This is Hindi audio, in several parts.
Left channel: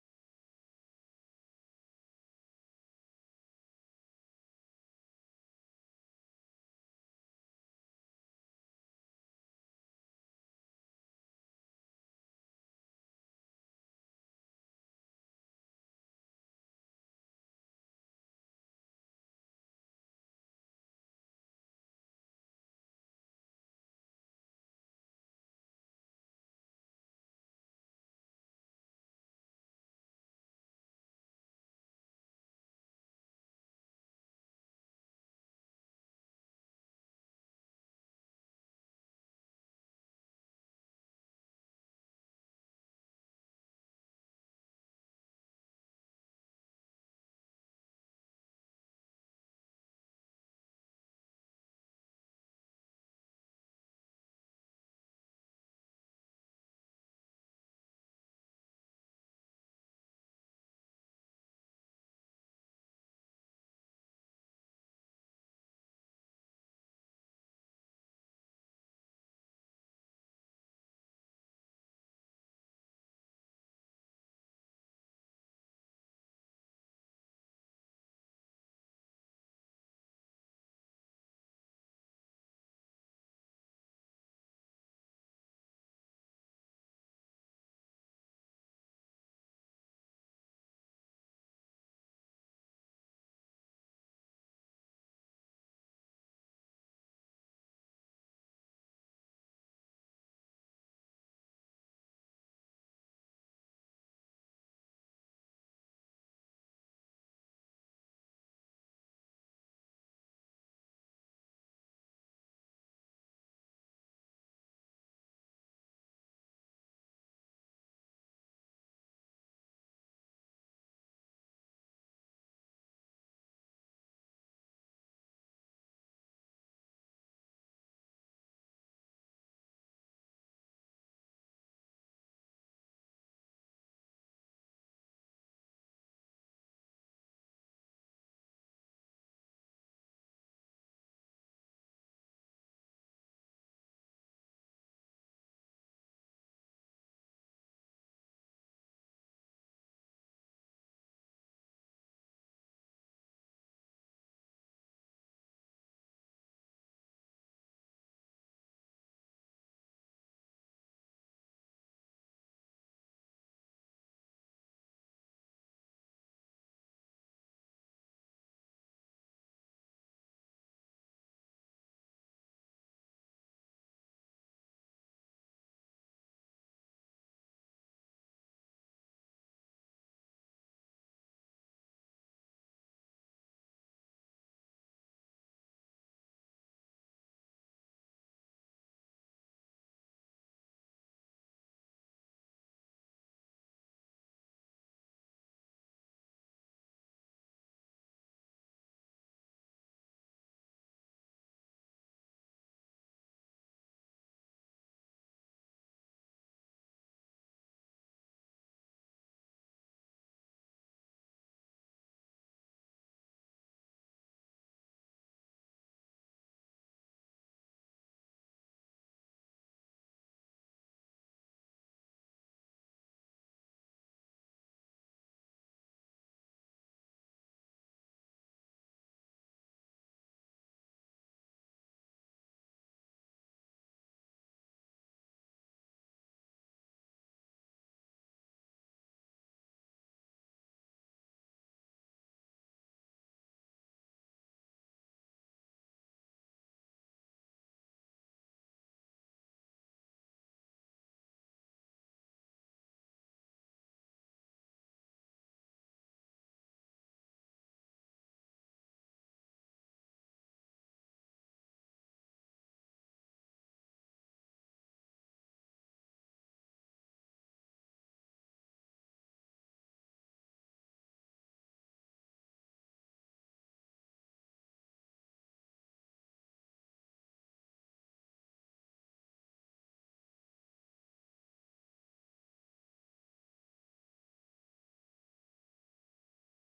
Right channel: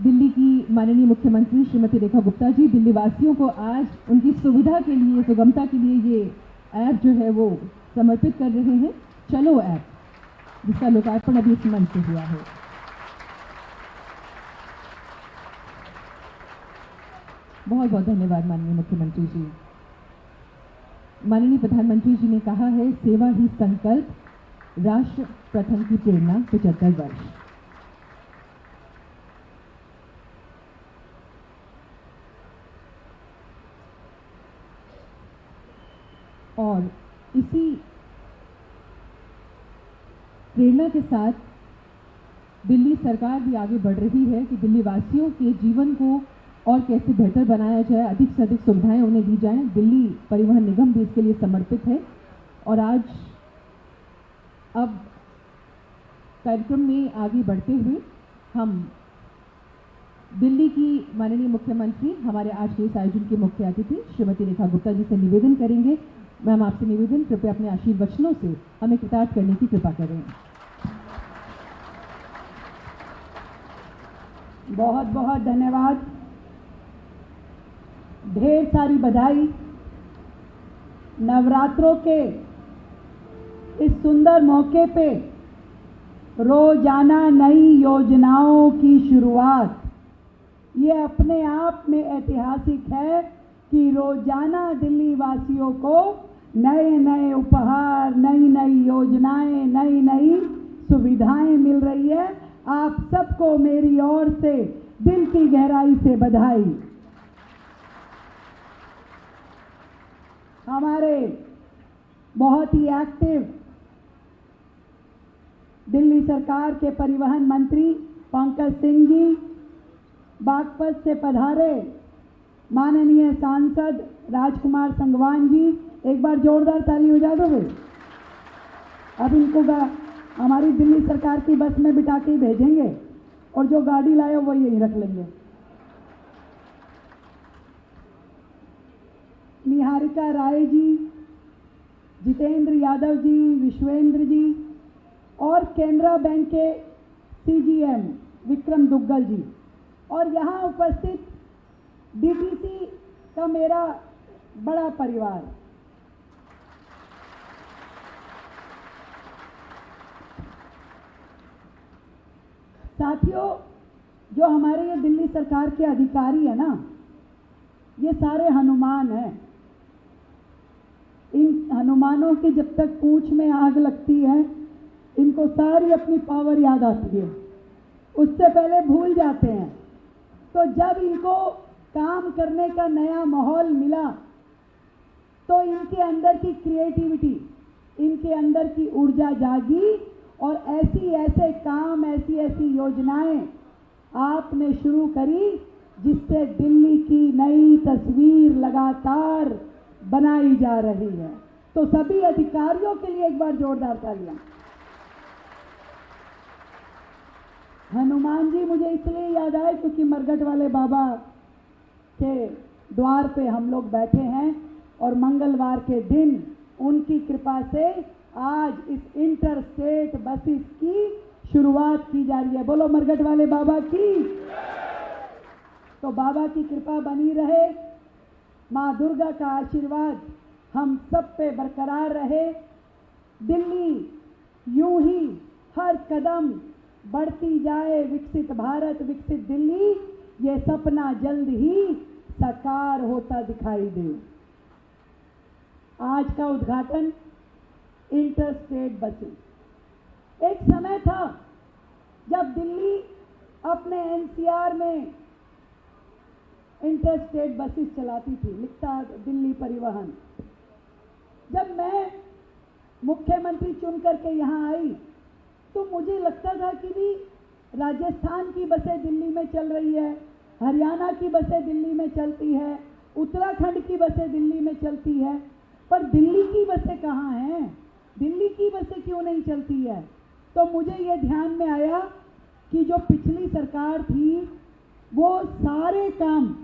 दिल्ली की माननीय मुख्यमंत्री श्रीमती रेखा गुप्ता जी दिल्ली वासियों को आज उनकी सुविधा के लिए, सुगमता के लिए ये ऐप जो है वो समर्पित कर रहे हैं, चलो ऐप, जिसका लोकार्पण अभी इस मंच से हुआ है। बहुत बहुत धन्यवाद माननीय मुख्यमंत्री जी। माननीय प्रधानमंत्री जी ने कहा है, सेवा ही संकल्प, राष्ट्र प्रथम की प्रेरणा 75 वर्ष। और इसी प्रेरणा के साथ दिल्ली सरकार भी आगे बढ़ रही है कि दिल्ली वासियों के जीवन को और कैसे बेहतर बनाया जाए, अधिक से अधिक सुविधाएं उन्हें दी जाएं। दिल्ली परिवहन निगम भी इसके लिए समर्पित है। और आज अब कार्यक्रम में आगे बढ़ते हुए हम दिल्ली की माननीय मुख्यमंत्री, हमारे आज के इस आयोजन के मुख्य अतिथि श्रीमती रेखा गुप्ता जी से निवेदन करेंगे। मैम, आपसे निवेदन, कृपया अपने आशीर्वचनों से हमें कृतार्थ करने की कृपा करें। बहुत बहुत धन्यवाद, ढेर सारी बधाई। नवरात्रों के इस सुंदर मौके पे रोजाना नई योजनाओं की शुरुआत, ये अपने आप में ऐतिहासिक है कि रोजाना दिल्ली वासियों को नए नए उपहार, नई नई योजनाएं, नई नई सुविधाएं मिल रही है। आप सबको मेरी ओर से दिल की गहराई से बधाई। हमारे बहुत ही एक्टिव दिल्ली सरकार के परिवहन मंत्री पंकज सिंह जी, बागपत से पधारे माननीय सांसद राजकुमार संगवान जी, एक बार जोरदार ताली हो जा दोगे। अब इनको हमारी दिल्ली सरकार की बस में बिठा के ही भेजेंगे और जो गाड़ी लाए वो यहीं रख लेंगे। निहारिका राय जी, जितेंद्र यादव जी, विश्वेंद्र जी और केनरा बैंक के सीजीएम विक्रम दुग्गल जी, और यहाँ उपस्थित डीटीसी का मेरा बड़ा परिवार। साथियों, जो हमारे ये दिल्ली सरकार के अधिकारी है ना, ये सारे हनुमान हैं। इन हनुमानों की जब तक पूंछ में आग लगती है, इनको सारी अपनी पावर याद आती है, उससे पहले भूल जाते हैं। तो जब इनको काम करने का नया माहौल मिला, तो इनके अंदर की क्रिएटिविटी, इनके अंदर की ऊर्जा जागी और ऐसे काम, ऐसी योजनाएं आपने शुरू करी, जिससे दिल्ली की नई तस्वीर लगातार बनाई जा रही है। तो सभी अधिकारियों के लिए एक बार जोरदार तालियां। हनुमान जी मुझे इसलिए याद आए क्योंकि मरघट वाले बाबा के द्वार पे हम लोग बैठे हैं और मंगलवार के दिन उनकी कृपा से आज इस इंटर स्टेट बसेस की शुरुआत की जा रही है। बोलो मरघट वाले बाबा की। तो बाबा की कृपा बनी रहे, माँ दुर्गा का आशीर्वाद हम सब पे बरकरार रहे। दिल्ली यूं ही हर कदम बढ़ती जाए, विकसित भारत, विकसित दिल्ली, ये सपना जल्द ही साकार होता दिखाई दे। आज का उद्घाटन इंटर स्टेट बसेस। एक समय था जब दिल्ली अपने एनसीआर में इंटर स्टेट बसेस चलाती थी, लिखता दिल्ली परिवहन। जब मैं मुख्यमंत्री चुन करके यहाँ आई तो मुझे लगता था कि भी राजस्थान की बसें दिल्ली में चल रही है, हरियाणा की बसें दिल्ली में चलती है, उत्तराखंड की बसें दिल्ली में चलती है, पर दिल्ली की बसें कहाँ हैं? दिल्ली की बसें क्यों नहीं चलती है? तो मुझे ये ध्यान में आया कि जो पिछली सरकार थी वो सारे काम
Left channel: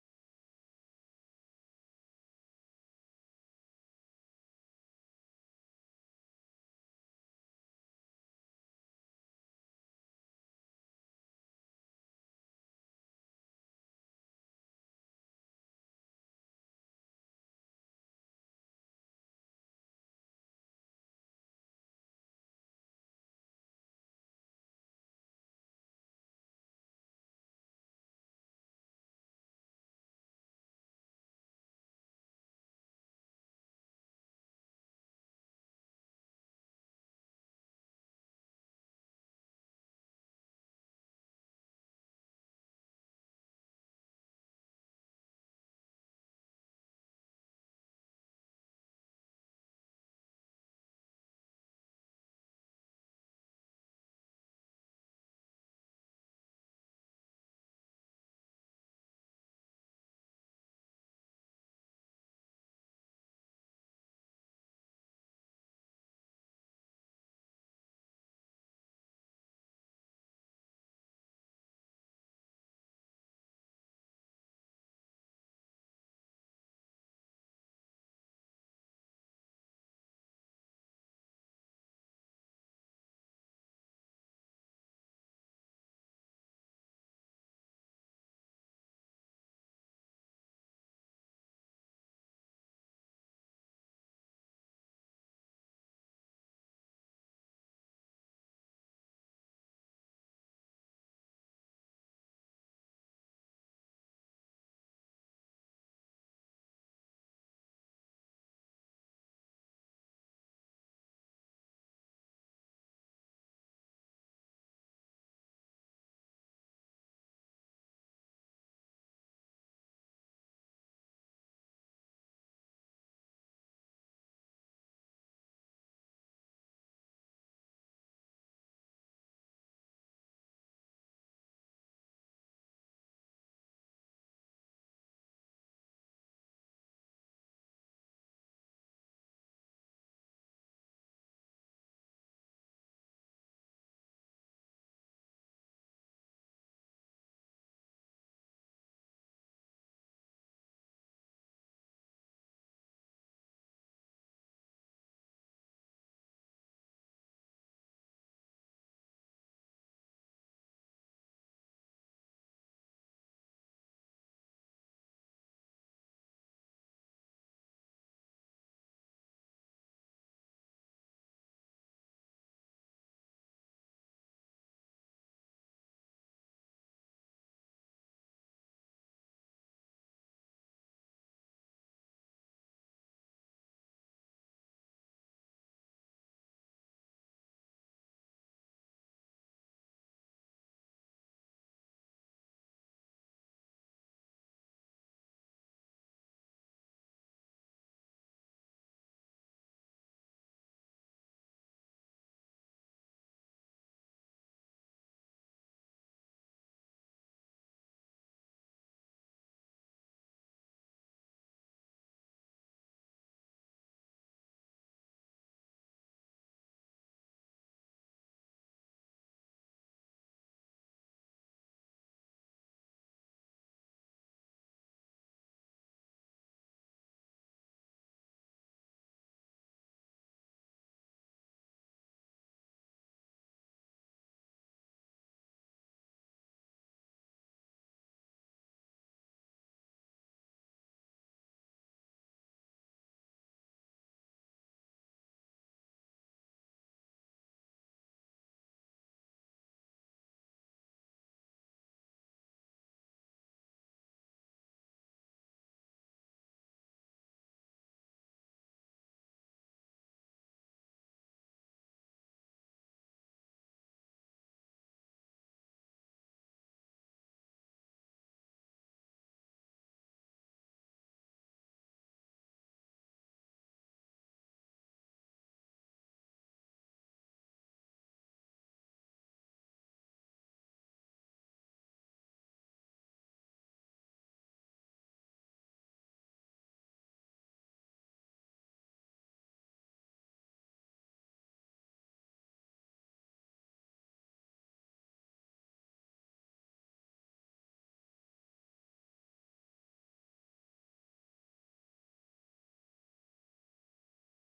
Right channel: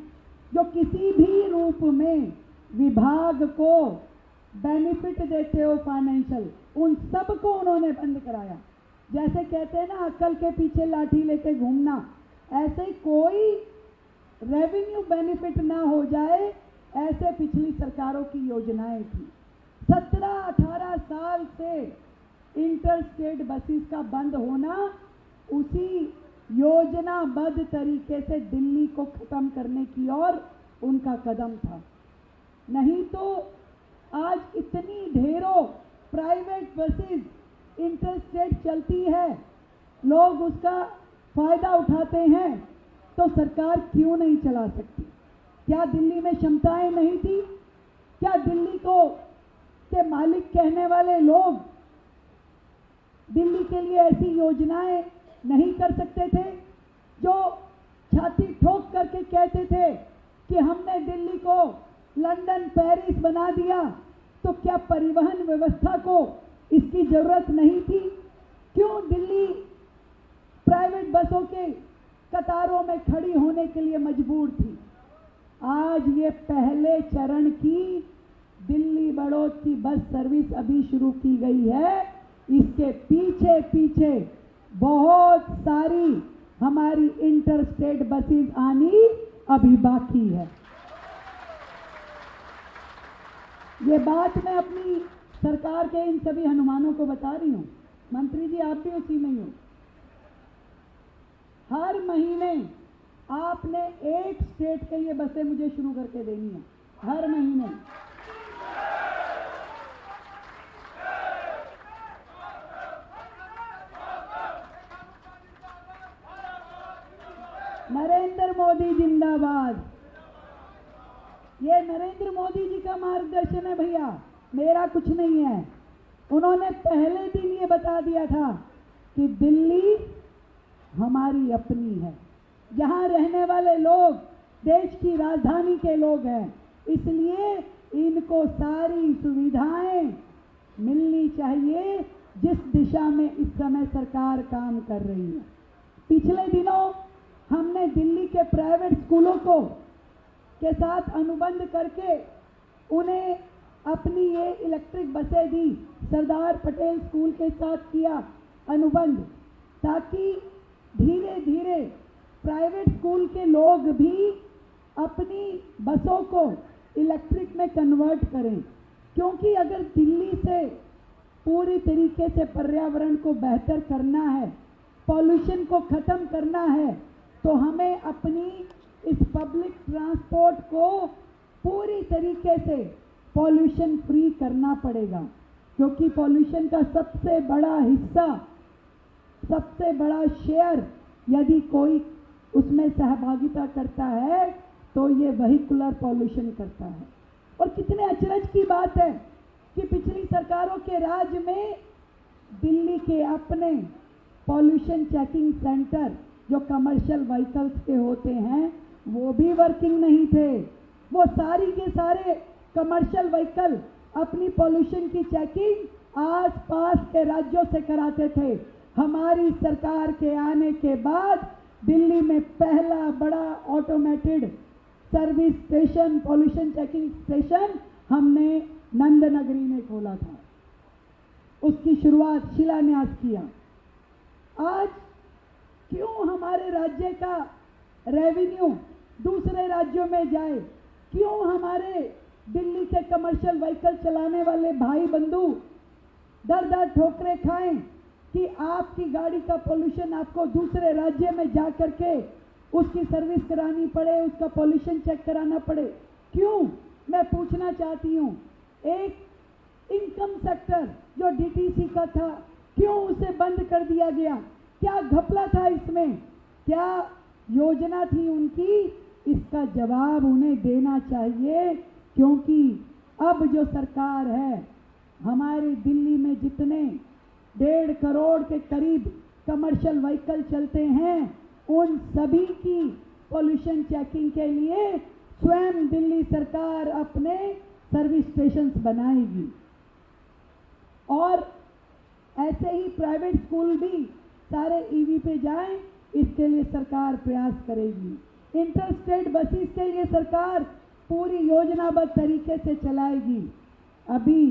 जो किसी भी रूप में विभाग को बेनिफिट देते हो फाइनेंशियल, उन सब को उन्होंने बंद कराया। जैसे कहते हैं ना, अक्ल के पीछे लाठी लेके घूमना, ऐसे कोई रेवेन्यू बेनिफिट ना हो जाए, ऐसे पिछली सरकारों की योजनाएं थी। 17-18 साल से इंटर स्टेट बसेस का बंद होना उसी योजनाबद्ध तरीके से दिल्ली को खत्म करने की ओर उनका कदम था। नहीं तो आज इतनी ढेरों प्राइवेट बसेस इंटर स्टेट चलती है, लोग उसका फायदा उठाते हैं, तो सरकार क्यों नहीं चला सकती? क्या दिल्ली में क्षमताएं नहीं थी? क्या दिल्ली को के मालिक कहने वाले लोग दिल्ली के लिए ऐसी योजनाएं नहीं कर सकते थे? जो छाती ठोक करके कहते थे कि हमने दिल्ली को लंदन पेरिस बना दिया, तो क्या परिवहन व्यवस्था को इसकी जरूरत नहीं थी? क्यों दिल्ली प्राइवेट बसों के कतारों में खड़ी होने के लिए मजबूर थी? आज ये पहले चरण की दिल्ली बड़ौद की बस सर्विस अभी शुरू की गई है। इसके पीछे पीछे बहुत सारी हमारी इंटर स्टेट बसेस आनी अभी बाकी है। ये बात मैं अपनी सरकार के इन सभी हनुमानों को बता रही हूं। मंत्री जी, आप भी उसी में ही हो। हर महीने आपने एक स्टेट के लिए बसें मुझे शुरू करके देनी है, हर महीने। नरेंद्र मोदी जिंदाबाद। ये नरेंद्र मोदी जी का मार्गदर्शन है भैया, मेरा कुछ नहीं है। उन्होंने पहले दिन ये बता दिया था कि दिल्ली हमारी अपनी है, यहाँ रहने वाले लोग देश की राजधानी के लोग हैं, इसलिए इनको सारी सुविधाएं मिलनी चाहिए जिस दिशा में इस समय सरकार काम कर रही है। पिछले दिनों हमने दिल्ली के प्राइवेट स्कूलों को के साथ अनुबंध करके उन्हें अपनी ये इलेक्ट्रिक बसें दी। सरदार पटेल स्कूल के साथ किया अनुबंध, ताकि धीरे धीरे प्राइवेट स्कूल के लोग भी अपनी बसों को इलेक्ट्रिक में कन्वर्ट करें। क्योंकि अगर दिल्ली से पूरी तरीके से पर्यावरण को बेहतर करना है, पॉल्यूशन को खत्म करना है, तो हमें अपनी इस पब्लिक ट्रांसपोर्ट को पूरी तरीके से पॉल्यूशन फ्री करना पड़ेगा। क्योंकि पॉल्यूशन का सबसे बड़ा हिस्सा, सबसे बड़ा शेयर यदि कोई उसमें सहभागिता करता है तो ये व्हीकुलर पॉल्यूशन करता है। और कितने अचरज की बात है कि पिछली सरकारों के राज में दिल्ली के अपने पॉल्यूशन चेकिंग सेंटर जो कमर्शियल व्हीकल्स के होते हैं वो भी वर्किंग नहीं थे। वो सारी के सारे कमर्शियल व्हीकल अपनी पॉल्यूशन की चेकिंग आस पास के राज्यों से कराते थे। हमारी सरकार के आने के बाद दिल्ली में पहला बड़ा automated service station, pollution checking station हमने नंदनगरी में खोला था। उसकी शुरुआत, शिलान्यास किया। आज क्यों हमारे राज्य का रेवेन्यू दूसरे राज्यों में जाए? क्यों हमारे दिल्ली के कमर्शियल व्हीकल चलाने वाले भाई बंधु दर दर ठोकरें खाएं कि आपकी गाड़ी का पॉल्यूशन आपको दूसरे राज्य में जा करके उसकी सर्विस करानी पड़े, उसका पॉल्यूशन चेक कराना पड़े? क्यों? मैं पूछना चाहती हूँ, एक इनकम सेक्टर जो डीटीसी का था, क्यों उसे बंद कर दिया गया? क्या घपला था इसमें? क्या योजना थी उनकी? इसका जवाब उन्हें देना चाहिए। क्योंकि अब जो सरकार है, हमारी दिल्ली में जितने 1.5 करोड़ के करीब कमर्शियल व्हीकल चलते हैं, उन सभी की पॉल्यूशन चेकिंग के लिए स्वयं दिल्ली सरकार अपने सर्विस स्टेशंस बनाएगी। और ऐसे ही प्राइवेट स्कूल भी सारे ईवी पे जाएं, इसके लिए सरकार प्रयास करेगी। इंटर स्टेट बसेस के लिए सरकार पूरी योजनाबद्ध तरीके से चलाएगी। अभी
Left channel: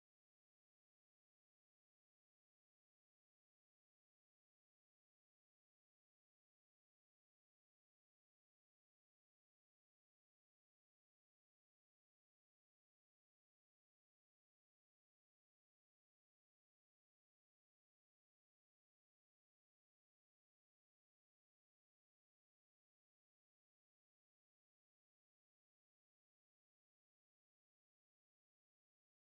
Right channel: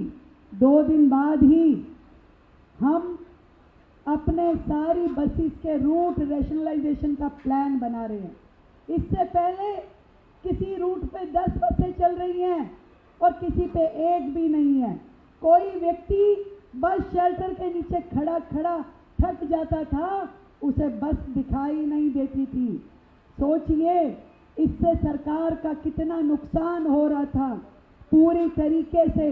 2 दिन बाद ही हम अपने सारी बसेस के रूट रैशनलाइजेशन का प्लान बना रहे हैं। इससे पहले किसी रूट पे 10 बसें चल रही हैं और किसी पे एक भी नहीं है। कोई व्यक्ति बस शेल्टर के नीचे खड़ा खड़ा थक जाता था, उसे बस दिखाई नहीं देती थी। सोचिए इससे सरकार का कितना नुकसान हो रहा था। पूरी तरीके से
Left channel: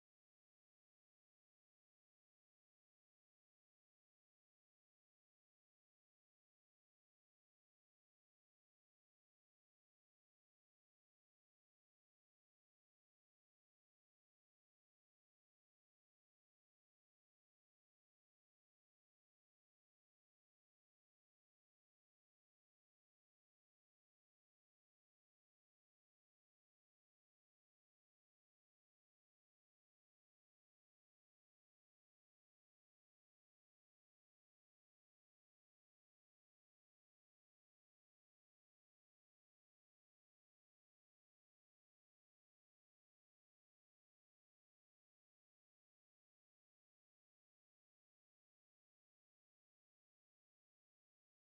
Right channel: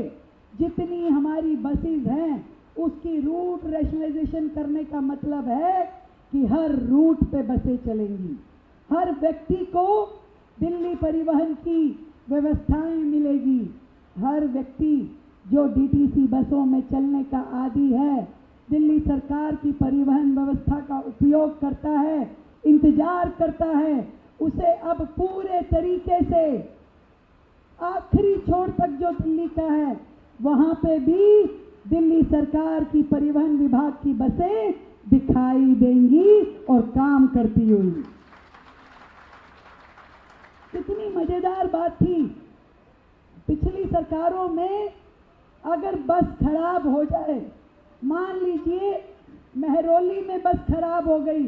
जितनी हमारी बसेस हैं उसकी रूट रैशनलाइजेशन करने का मतलब है कि हर रूट पे बसें चलेंगी, हर व्यक्ति को दिल्ली परिवहन की व्यवस्थाएं मिलेगी। हर व्यक्ति जो डीटीसी बसों में चलने का आदी है, दिल्ली सरकार की परिवहन व्यवस्था का उपयोग करता है, इंतजार करता है, उसे अब पूरे तरीके से आखिरी छोर तक जो दिल्ली का है वहां पे भी दिल्ली सरकार की परिवहन विभाग की बसें दिखाई देंगी और काम करती हुई। कितनी मजेदार बात थी। पिछली सरकारों में अगर बस खराब हो जाए, मान लीजिए महरौली में बस खराब हो गई,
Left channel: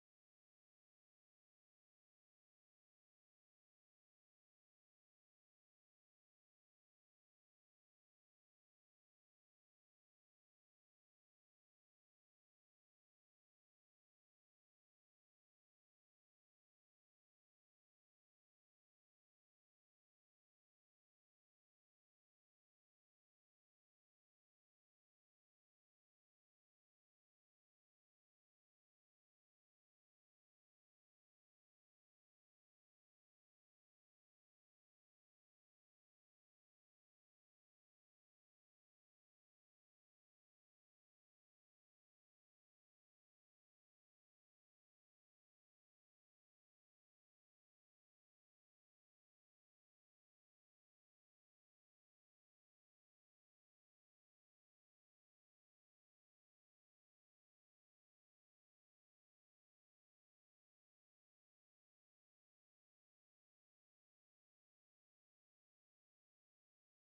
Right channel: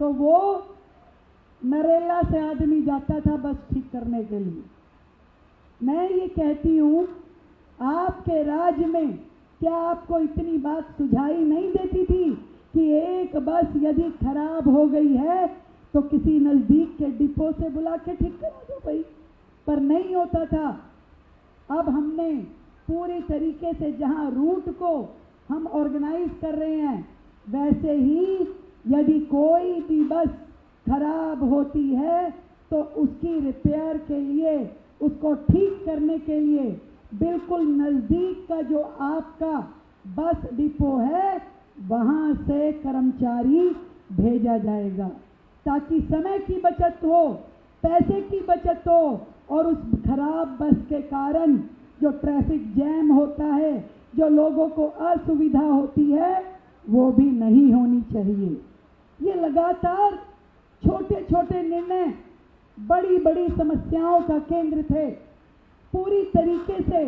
तो वो नरेला से आदमी जाता था बस ठीक करने के लिए। मैं ये कहती हूँ, आपके राज्य में क्या आपको इतनी बात सुझाई नहीं देती थी कि एक बस यदि खराब हो गई है तो किसी नजदीक के डिपो से बुला के ठीक करा दो भाई, पर नहीं होता था। अब हमने पूरी तरीके से जहां रूट को हम ऑर्गेनाइज कर रहे हैं, वैसे ही यदि कोई भी बस खराब होती है तो उसकी रिपेयर के लिए, उसको ठीक करने के लिए बिल्कुल नजदीक का जो आपका बस डिपो है वहां से कर्मचारी भेजा जाएगा, ताकि समय की बचत हो, पैसे की बचत हो और उस खराब बस के कारण जो ट्रैफिक जैम होता है, जो लोगों को असुविधा होती है, वो भी नहीं होनी चाहिए। ये लगातार छोटे छोटे निर्णय बड़ी बड़ी समस्याओं का केंद्र थे। पूरी तरीके से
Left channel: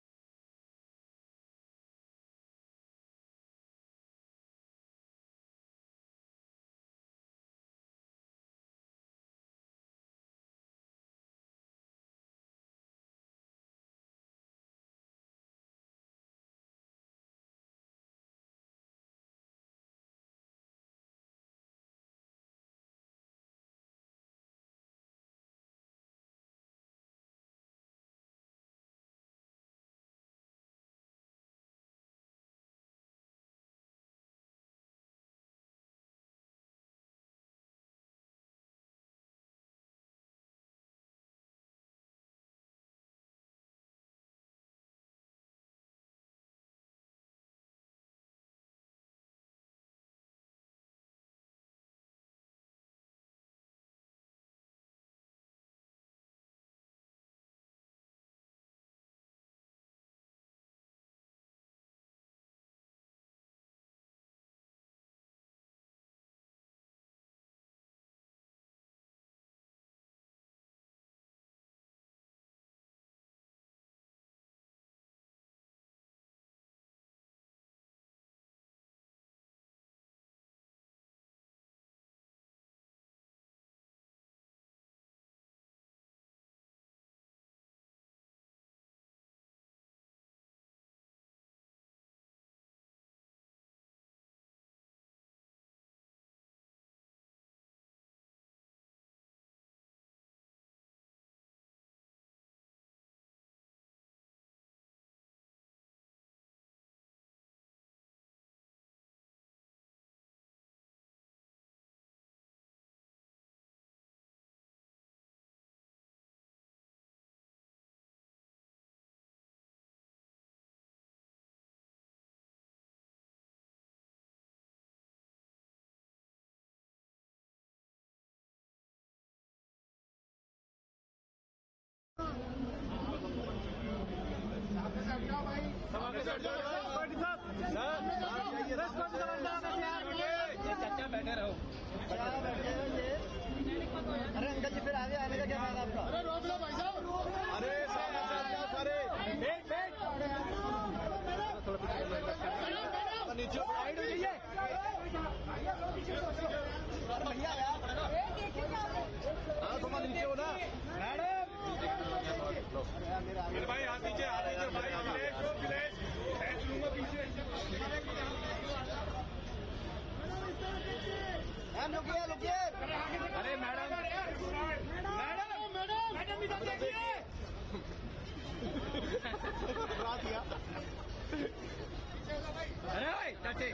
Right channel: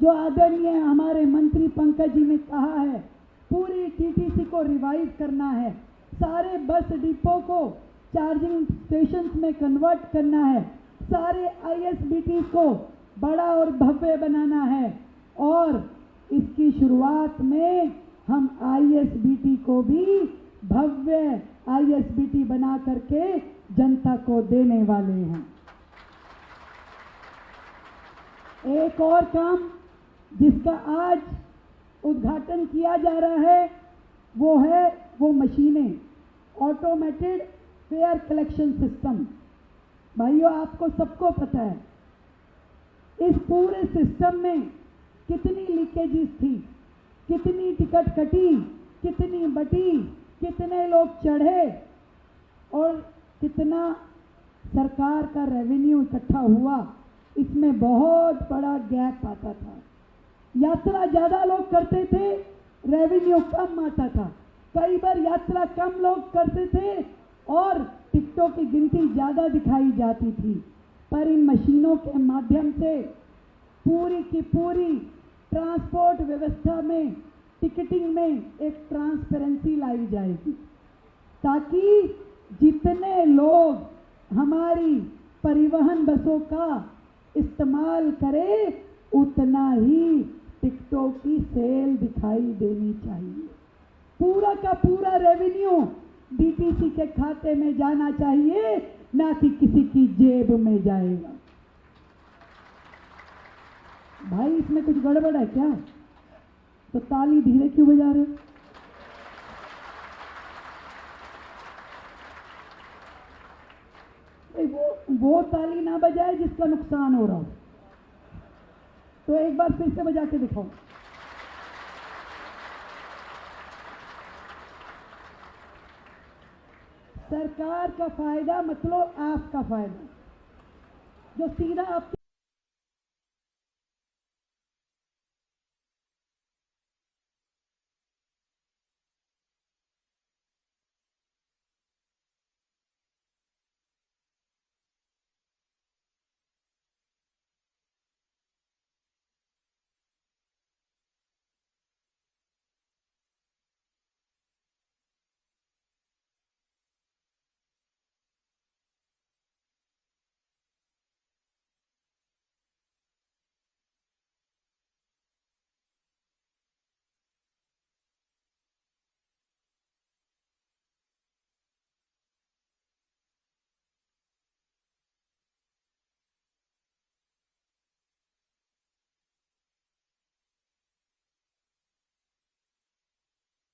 जो आदरणीय हमारे मंत्री पंकज जी ने कहा है, पूरी टीटीसी को रिवाइव करना है, सारे बस डिपो को चार्जिंग स्टेशंस में कन्वर्ट करना है, सारे आईएसबीटी को बड़ा और भव्य बनाना है और इसकी शुरुआत में हम आईएसबीटी को भी भव्य आईएसबीटी बना करके जनता को देने वाले हैं। एक और काम जिसका आज उद्घाटन किया जा रहा है वो मशीनें, ऑटोमेटेड फेयर कलेक्शन सिस्टम। भाइयों, आपको सबको पता है इस पूरे सिस्टम में कितनी लीकेजेस थी, कितनी टिकट कटी, कितनी बटी, कितने लोग चढ़े और कितना सरकार का रेवेन्यू इकट्ठा हुआ। इसमें बहुत बड़ा गैप आता था। यात्रा ज्यादा लोग करते थे, रेवेन्यू कम आता था। कई बार यात्रा कम लोग करते थे और टिकटों की गिनती ज्यादा दिखाई जाती थी। पर इन मशीनों के माध्यम से पूरी की पूरी ट्रांसपोर्ट व्यवस्था में, टिकटिंग में एक ट्रांसपेरेंसी लाई जाएगी, ताकि जितने लोग हमारी परिवहन बसों का इस्तेमाल करें उतना ही टिकटों की सेल दिखाई देनी चाहिए। पूरा का पूरा रेवेन्यू डीटीसी के खाते में जाना चाहिए, ना कि किसी की जेब में जाएगा। भाई, इसमें कुछ गड़बड़ है क्या? तो ताली धीरे क्यों बजा रहे हो? वो ताली ना बजाए जिसका नुकसान हो रहा हो। तो एक बार फिर से बजा के दिखाओ। सरकार का फायदा मतलब आपका फायदा, जो सीधा आपको बैठे रहो। अरे अंकल जी, फिर आगे आने का क्या फायदा आपका? अरे रोक लो भाई साहब। अरे बैठ नीचे साइड हो जाइए। रुकिए रुकिए। अरे मैडम भी देखिए। अरे भाई चाचे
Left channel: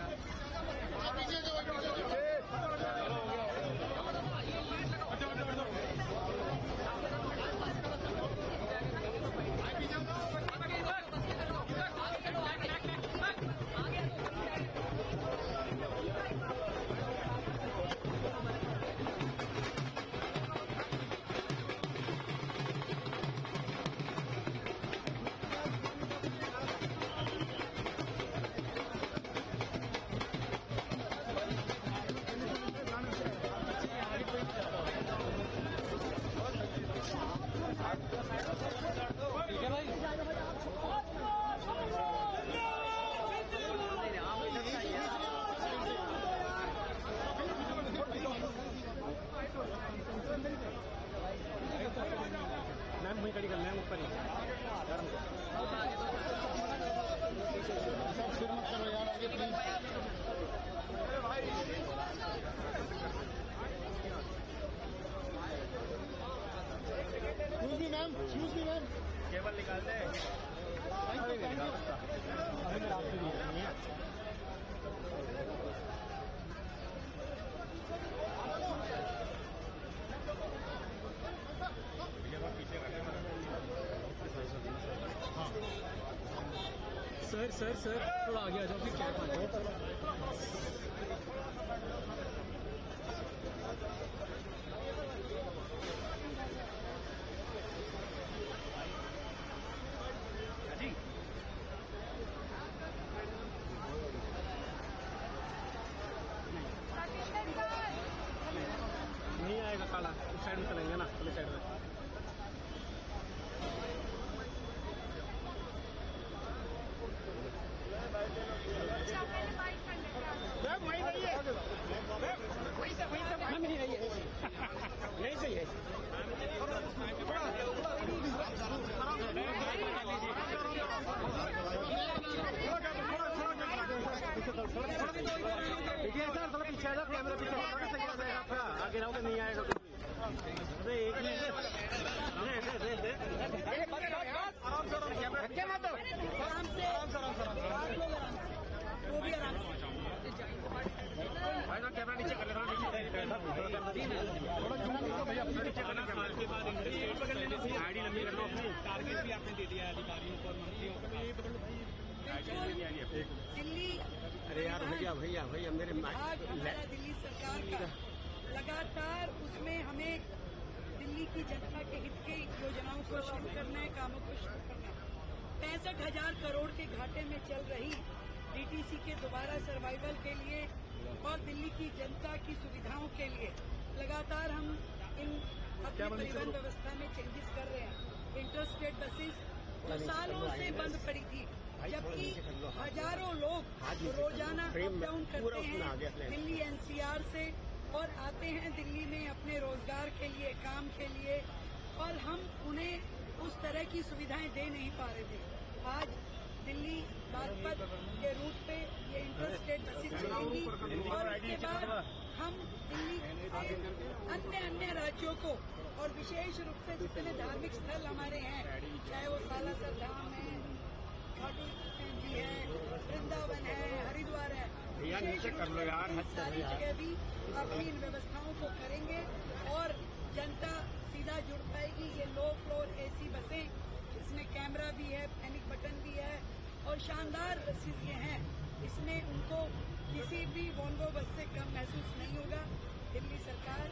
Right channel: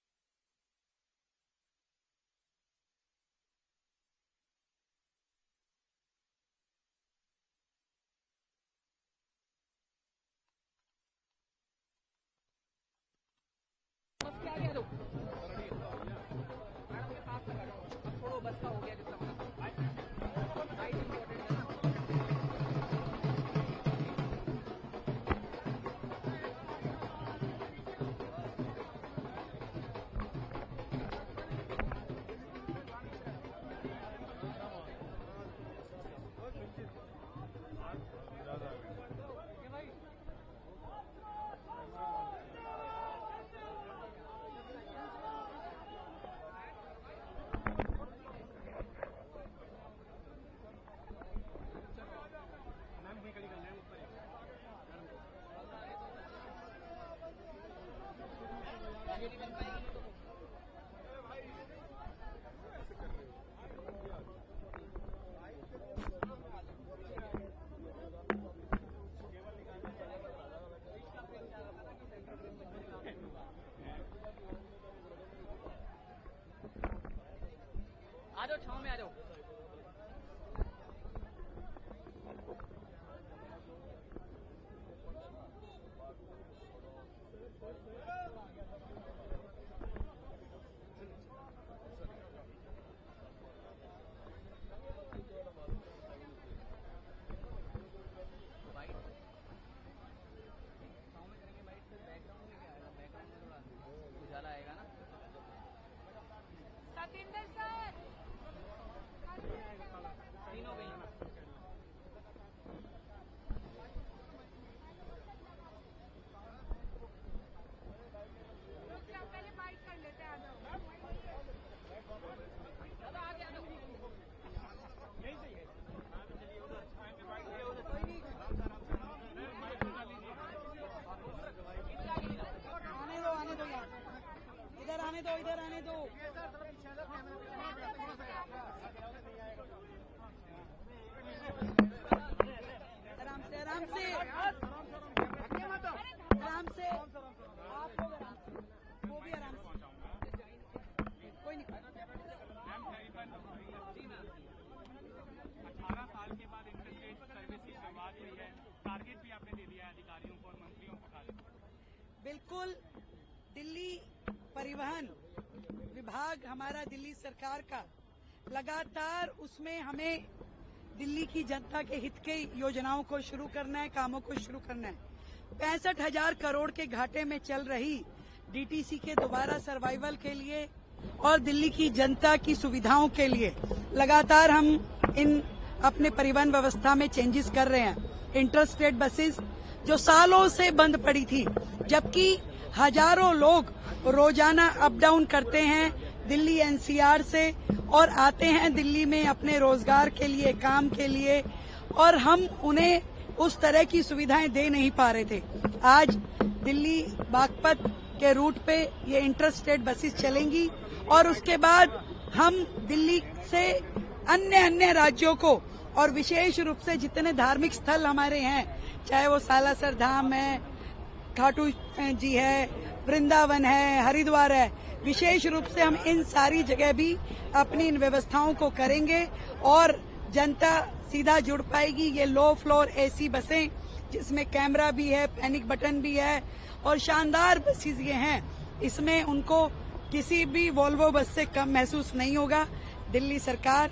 केवल निकाल दे। सर थोड़ा आगे आ जाओ फिर क्या बात है। नहीं आएगा काला, इस साइड में चलेंगे ना, पुलिस साइड में। यही सही है। पीछे कैमरा पीछे आगे रहोगे नहीं आएगा। अरे एक मिनट कैमरा नीचे कर लेना। आईडी लंबी कर लो अपनी। टारगेट भी आपने दे दिया अधिकारियों को और मंत्रियों को। दिल्ली परिवहन भैया मेरे विभाग हमारा दिल्ली सरकार का लगातार उसमें हमें दिल्ली की जनता के हित के योजनाओं को शुरू करना है, कामों को शुरू करना है। 65,000 करोड़ के घाटे में चल रही डीटीसी के दोबारा सर्वाइवल के लिए और दिल्ली की जनता की सुविधाओं के लिए लगातार हम इन अपने परिवहन व्यवस्था में चेंजेस कर रहे हैं। इंटर स्टेट बसेस जो सालों से बंद पड़ी थी, जबकि हजारों लोग रोजाना अप डाउन करते हैं दिल्ली एनसीआर से और आते हैं दिल्ली में अपने रोजगार के लिए, काम के लिए, और हम उन्हें उस तरह की सुविधाएं दे नहीं पा रहे थे। आज दिल्ली बागपत के रूट पे ये इंटर स्टेट बसेस चलेंगी और उसके बाद हम दिल्ली से अन्य राज्यों को और विशेष रूप से जितने धार्मिक स्थल हमारे हैं, चाहे वो सालासर धाम है, खाटू जी है, वृंदावन है, हरिद्वार है, विशेष रूप से हम इन सारी जगह भी अपनी इन व्यवस्थाओं को करेंगे और जनता सीधा जुड़ पाएगी। ये लो फ्लोर एसी बसें जिसमें कैमरा भी है, पैनिक बटन भी है और शानदार बसेस ये हैं, इसमें उनको किसी भी वोल्वो बस से कम महसूस नहीं होगा। दिल्ली सरकार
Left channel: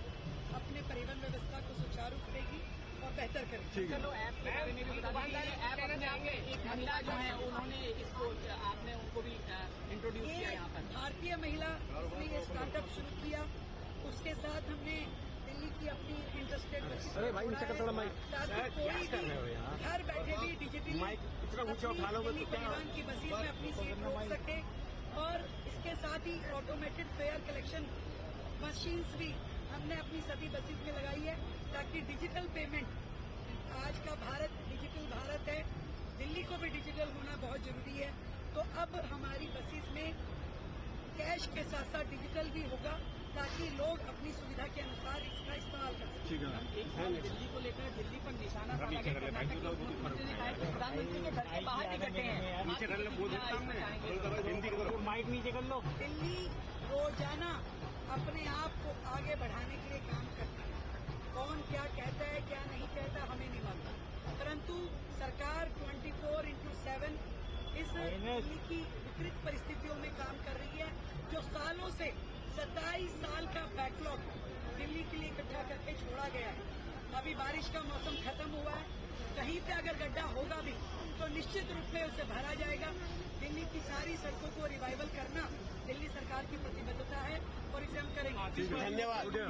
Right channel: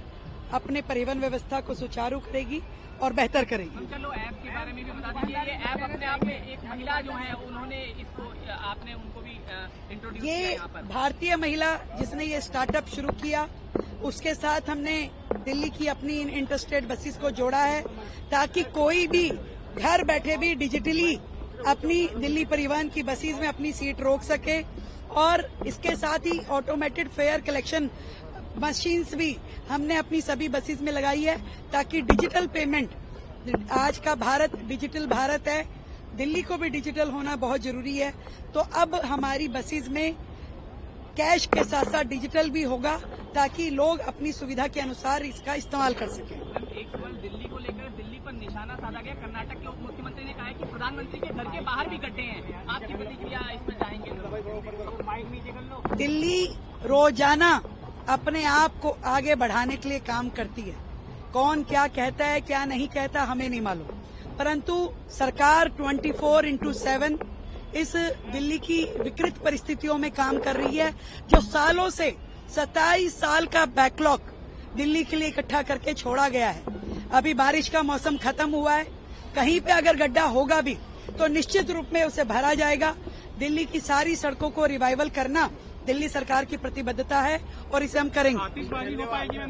अपने परिवहन व्यवस्था को सुचारू करेगी और बेहतर करेगी। चलो ऐप के बारे में भी बता दीजिए। ये ऐप अपने आप में एक महिला जो है उन्होंने इसको आपने उनको भी इंट्रोड्यूस किया। ये भारतीय महिला जिसने ये स्टार्टअप शुरू किया, उसके साथ हमने दिल्ली की अपनी इन इंटरस्टेट बसेस को जोड़ा है ताकि कोई भी घर बैठे भी डिजिटली अपनी दिल्ली परिवहन की बसेस में अपनी सीट रोक सके। और इसके साथ ही ऑटोमेटेड फेयर कलेक्शन मशीन्स भी हमने अपनी सभी बसेस में लगाई है ताकि डिजिटल पेमेंट, आज का भारत डिजिटल भारत है, दिल्ली को भी डिजिटल होना बहुत जरूरी है। तो अब हमारी बसेस में कैश के साथ साथ डिजिटल भी होगा ताकि लोग अपनी सुविधा के अनुसार इसका इस्तेमाल कर सकें। दिल्ली को लेकर दिल्ली पर निशाना साधा गया। कर्नाटक के मुख्यमंत्री ने कहा है कि प्रधानमंत्री के घर के बाहर भी गड्ढे हैं। आपकी प्रतिक्रिया इसमें जाएंगे? दिल्ली रोजाना अपने आप को आगे बढ़ाने के लिए काम करती है। कौन क्या कहता है क्या नहीं कहता हमें नहीं मालूम, परंतु सरकार 24/7 इस दिल्ली की विकृत परिस्थितियों में काम कर रही है। जो सालों से 27 साल का बैकलॉग दिल्ली के लिए इकट्ठा करके छोड़ा गया है। अभी बारिश का मौसम खत्म हुआ है, कहीं पे अगर गड्ढा होगा भी तो निश्चित रूप में उसे भरा जाएगा। दिल्ली की सारी सड़कों को रिवाइवल करना दिल्ली सरकार की प्रतिबद्धता है और इसे हम करेंगे।